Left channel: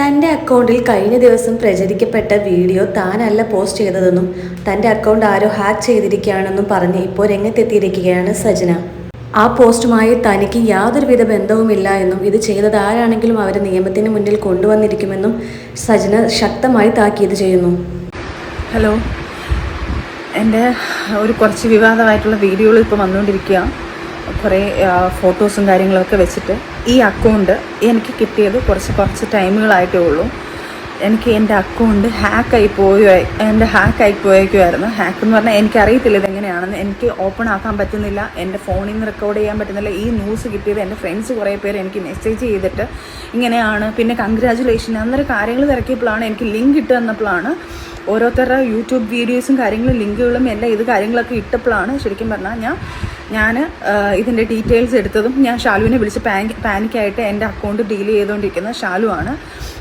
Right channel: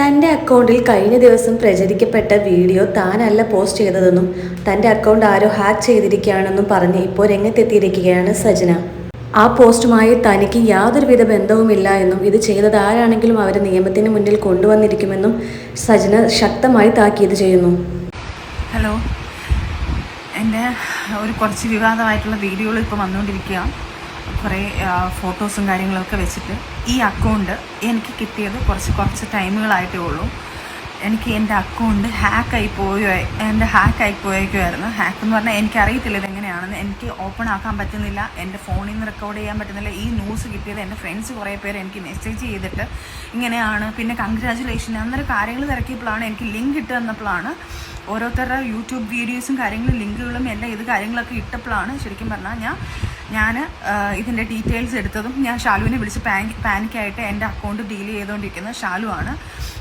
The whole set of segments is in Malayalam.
തൻ്റെ അക്കൗണ്ടിൽ കഴിഞ്ഞ ദിവസം പ്രചരിക്കപ്പെട്ട വീഡിയോ താനല്ല പോസ്റ്റ് ചെയ്തതെന്നും തൻ്റെ അക്കൗണ്ട് ആരോ ഹാക്ക് ചെയ്തിരിക്കുകയാണെന്നും പറഞ്ഞ് ഇപ്പോൾ രംഗത്തെത്തിയിരിക്കുകയാണ് സജന. ആ പോസ്റ്റുമായി തനിക്ക് യാതൊരുവിധ ബന്ധവുമില്ല എന്നും ഇത് ചെയ്തത് ആരാണെങ്കിലും അവരെ നിയമത്തിന് മുന്നിൽ കൊണ്ടുവന്നിരിക്കുമെന്നും സജന ശക്തമായി താക്കീത് ചെയ്യുന്നു. ഹലോ, എൻ്റെ കുറച്ച് വിവാദമായിട്ടുള്ള വീഡിയോകൾ ഇപ്പോൾ വന്നുകൊണ്ടിരിക്കുക. കുറേ ഫോട്ടോസും കാര്യങ്ങളൊക്കെ വെച്ചിട്ട് ഈ അക്കൗണ്ട് എനിക്ക് കിട്ടിയത് കുറച്ച് ടൈമുകളായിട്ടേ ഉള്ളൂ. എനിക്ക് എൻ്റെ അക്കൗണ്ട് ഹാക്കായി പോയേക്കുമായിരുന്നു. ഹാക്ക് എന്ന് പറഞ്ഞാൽ എനിക്കറിയത്തില്ല ഇതെങ്ങനെയാണെന്ന്. എനിക്ക് ഓപ്പൺ ആക്കാൻ പറ്റുന്നില്ല, എൻ്റെ ഫോണിൽ നിന്ന് റെക്കോർഡ് ചെയ്യാൻ പറ്റുന്നില്ല. ഈ ന്യൂസ് കിട്ടിയത് എൻ്റെ ഫ്രണ്ട്സ് കുറേ പേര് എനിക്ക് മെസ്സേജ് ചെയ്തിട്ട് ഇങ്ങനെയാണ്, പിന്നെ കൺഗ്രാജുലേഷൻ അന്നേരം കാര്യങ്ങൾ തിരക്കിയപ്പോഴാണ് എനിക്ക് ലിങ്ക് ഇട്ട് തന്നപ്പോഴാണ് ഓരോരുത്തരുടെ യൂട്യൂബ് വീഡിയോസും കാര്യങ്ങളും ലിങ്കുകളും എല്ലാം ഇത് കാര്യങ്ങളൊക്കെ ഇട്ടപ്പോഴാണ് ശരിക്കും പറഞ്ഞാൽ ഞാൻ ഇതിൻ്റെ ഡീറ്റെയിൽസ് എടുത്തതും. ഞാൻ ഷാലുവിനെ വിളിച്ച് പാനിക്കായിട്ട് എൻ്റെ അക്കൗണ്ട് ഡീൽ ചെയ്തുകൊണ്ടിരിക്കുന്നത് ഷാലുവാണ്.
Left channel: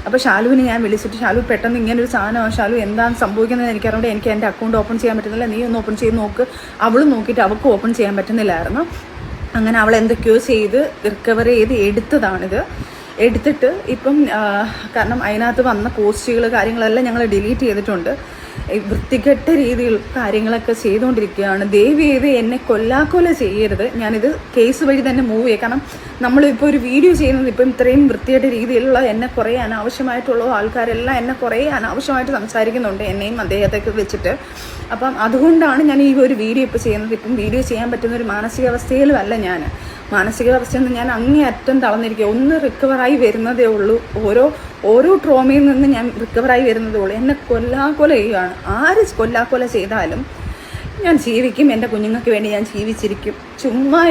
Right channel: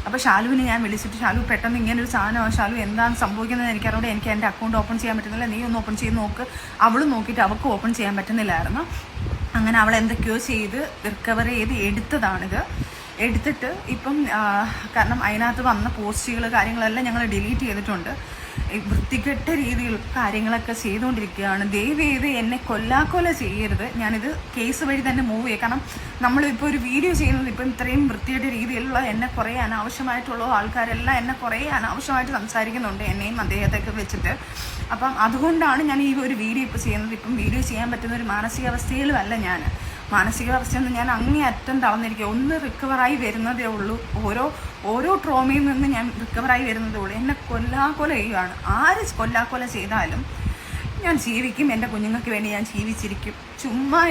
അപ്പോൾ ഷാലുവിനെ ഞാൻ വിളിച്ചിട്ട്, ഷാലു പെട്ടെന്ന് ഇങ്ങനൊരു സാധനമാണ് ഷാലു, എന്താണ് സംഭവിക്കുന്നത് എനിക്കറിയാം, എനിക്ക് എൻ്റെ അക്കൗണ്ട് ഓപ്പൺ ചെയ്യാൻ പറ്റുന്നില്ല, നീ ഒന്ന് ഓപ്പൺ ചെയ്ത് നോക്ക്. അവളും നോക്കിയിട്ട് അവൾക്ക് ഓപ്പൺ ചെയ്യാൻ പറ്റുന്നില്ലായിരുന്നു. അങ്ങനെ അവൾ എന്തൊക്കെയോ ചെയ്ത് റിക്കവർ ചെയ്ത് എടുത്തതാണിത്. എടുത്തിട്ട് ഇപ്പം കാരണം അതിനകത്ത് വന്ന പോസ്റ്റുകൾ കാര്യങ്ങളെല്ലാം ഞങ്ങൾ ഡിലീറ്റ് ചെയ്തിട്ടുണ്ട്. വൃത്തികെട്ട രീതിയിൽ കാര്യങ്ങളൊക്കെ ചെയ്തുകൊണ്ടിരിക്കുകയാണ്. ദയവ് ചെയ്ത് എന്നെ കൊല്ലാക്കൊല ചെയ്യരുത്. ഞാനിത് കേസ് വഴി തന്നെ മൂവ് ചെയ്യാം. കാരണം നമ്മളിപ്പോൾ ഒരു വീഡിയോ ചെയ്യുന്നത് ഇപ്പം ഇത്രയും വൃത്തികെട്ട രീതിയിലുള്ള എന്നെ കുറേ അനാവശ്യമായിട്ടുള്ള ആൾക്കാരെല്ലാം എന്നെ കുറേ അനാവശ്യമായിട്ട് സംസാരിക്കുന്നുണ്ട്, എന്നെയും അദ്ദേഹത്തെയൊക്കെ വെച്ചിട്ട്. അപ്പം അതുകൊണ്ടാണ് ഞാൻ ഈ ഒരു വീഡിയോ ഇപ്പോൾ ചെയ്യുന്നത്. ഇപ്പം വീഡിയോ ചെയ്യാൻ പറ്റുന്ന ഒരു മാനസികാവസ്ഥയിലും അല്ല ഞാൻ. മാനസികാവസ്ഥയിൽ നിന്ന് ഞാൻ അങ്ങേയറ്റം തളർന്നിരിക്കുക. ഒന്ന് റിക്കവറായി വരുന്നതേ ഉള്ളൂ. ഓരോ ട്രോമയിൽ നിന്ന് ഞാൻ റിക്കവറായി വരുന്നതേ ഉള്ളൂ. എന്നെ കൊല്ലാക്കൊല ചെയ്യുകയാണ്. ആര് കൊല്ലാക്കൊല ചെയ്താലും ഞാൻ ജീവിക്കും. എൻ്റെ കുഞ്ഞുങ്ങൾക്ക് വേണ്ടി ഞാൻ ജീവിച്ചിരിക്കും. ചുമ്മാ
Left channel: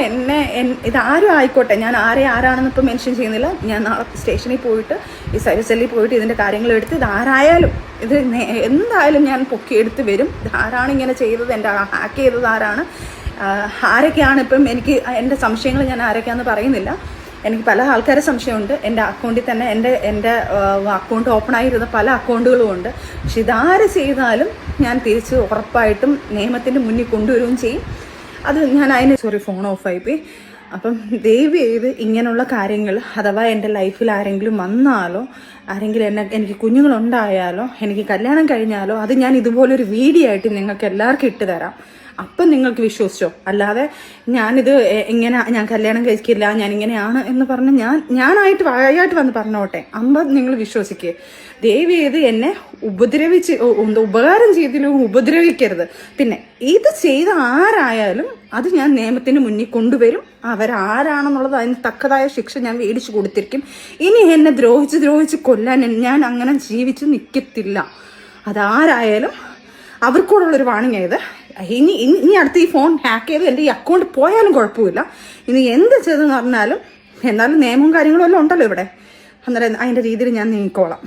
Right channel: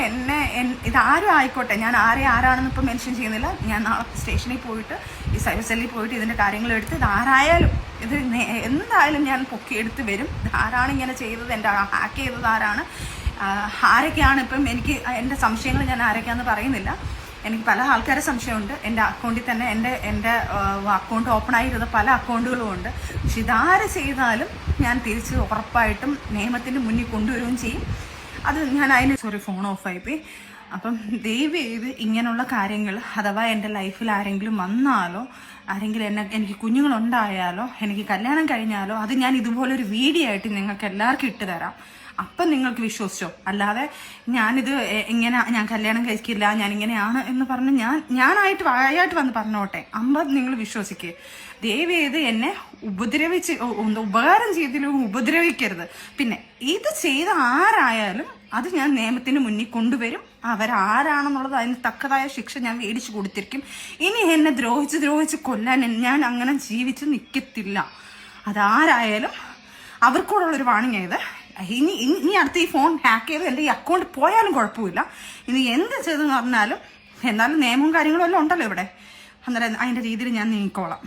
ഇതാരും ആയിക്കോട്ടെ, ഞാൻ ആരാണെന്ന് ഇപ്പം മെൻഷൻ ചെയ്യുന്നില്ല. ഞാൻ നാളെ സ്റ്റേഷനിൽ പോയിട്ട് ഈ സൈബർ സെല്ലിൽ പോയിട്ട് ഇതിൻ്റെ കാര്യങ്ങൾ എടുത്ത് ഇതാരായാലും ഇത് എന്തായാലും ഞാൻ പൊക്കിയെടുത്ത് വരും. ഇതാരാണ് ഇങ്ങനെ ചെയ്തത്, എൻ്റെ ഹാക്ക് ചെയ്തത് ആരൊക്കെയാണ്. ഇപ്പം എനിക്ക് എൻ്റെ സംശയങ്ങൾ ഞാൻ ആരൊക്കെയാണെന്ന് പറയുന്നില്ല. എനിക്ക് പല ആൾക്കാരെ സംശയമുണ്ട്. എൻ്റെ അക്കൗണ്ടിൽ തന്നെ എൻ്റെ അക്കൗണ്ട് ഓപ്പൺ ആയിരുന്ന പല അക്കൗണ്ടുകളും ഉണ്ട്. പക്ഷെ ഇതാര് ചെയ്താലും ഞാൻ തിരിച്ച് ഉറപ്പായിട്ടും നിയമത്തിൻ്റെ മുന്നിൽ കൊണ്ടുവരികയും ചെയ്യും. അത് ഞാൻ ഫോൺ ഓഫായിപ്പോയി. അപ്പം ദയവ് ചെയ്ത് ഇങ്ങനെയുള്ള കാര്യങ്ങൾ അഥവാ എൻ്റെ ലൈഫിൽ ആരെങ്കിലും വന്നാലോ, ആരെങ്കിലും എനിക്ക് കുഞ്ഞുങ്ങളുണ്ടായാലോ, എനിക്ക് കല്യാണം കഴിഞ്ഞാലോ, അത് ഞാൻ ഇതുപോലൊരു വീഡിയോ ആയിട്ട് നിങ്ങൾക്ക് എല്ലാവർക്കും ഇട്ട് തരാം. അപ്പം നിങ്ങൾക്ക് വിശ്വസിച്ചോ. അല്ലാതെ ഞാൻ കല്യാണം കഴിക്കില്ല, ഞാൻ ഇങ്ങനെയാണ് എന്ന് പറഞ്ഞ് ഞാനായിട്ട് വായായിട്ട് വന്ന് പറഞ്ഞോട്ടെ, നിങ്ങൾ വിശ്വസിക്കുക. ദയവ് ചെയ്ത് എന്നെ ഉപകാരം ചെയ്തിലും ഉപദ്രവിക്കരുത്. പിന്നെ ഇത് ചെയ്ത ആരായാലും അത് ഞാൻ നിയമത്തിന് മുന്നിൽ കൊണ്ടുവരും. അവരാരാണെന്നുള്ളത് അതിന് തക്കതായ ശിക്ഷ ഞാൻ മേടിച്ചു കൊടുത്തിരിക്കും. ഇനി എന്നെ ദ്രോഹിച്ച് കൊല്ലാൻ ഞാൻ അങ്ങനെ ജീവിച്ച് നിൽക്കത്തില്ല. അതാരായാലും അവർക്കൂടുള്ളൊരു വാണിംഗ് ആയത്. ഇനി അടുത്ത് ഈ ഫോൺ ഹാക്ക് ചെയ്ത് എൻ്റെ ഈ അക്കൗണ്ട് പോയാലും കുഴപ്പമില്ല. ഇനി എന്ത് ചെയ്തെന്ന് പറഞ്ഞാലും എന്നാലും നിയമവും കാര്യങ്ങളും എല്ലാം ഉണ്ടല്ലോ ഇവിടെ. അന്നേരം അതിൻ്റെ രീതിയിൽ ഞാൻ നീങ്ങിക്കോളാം.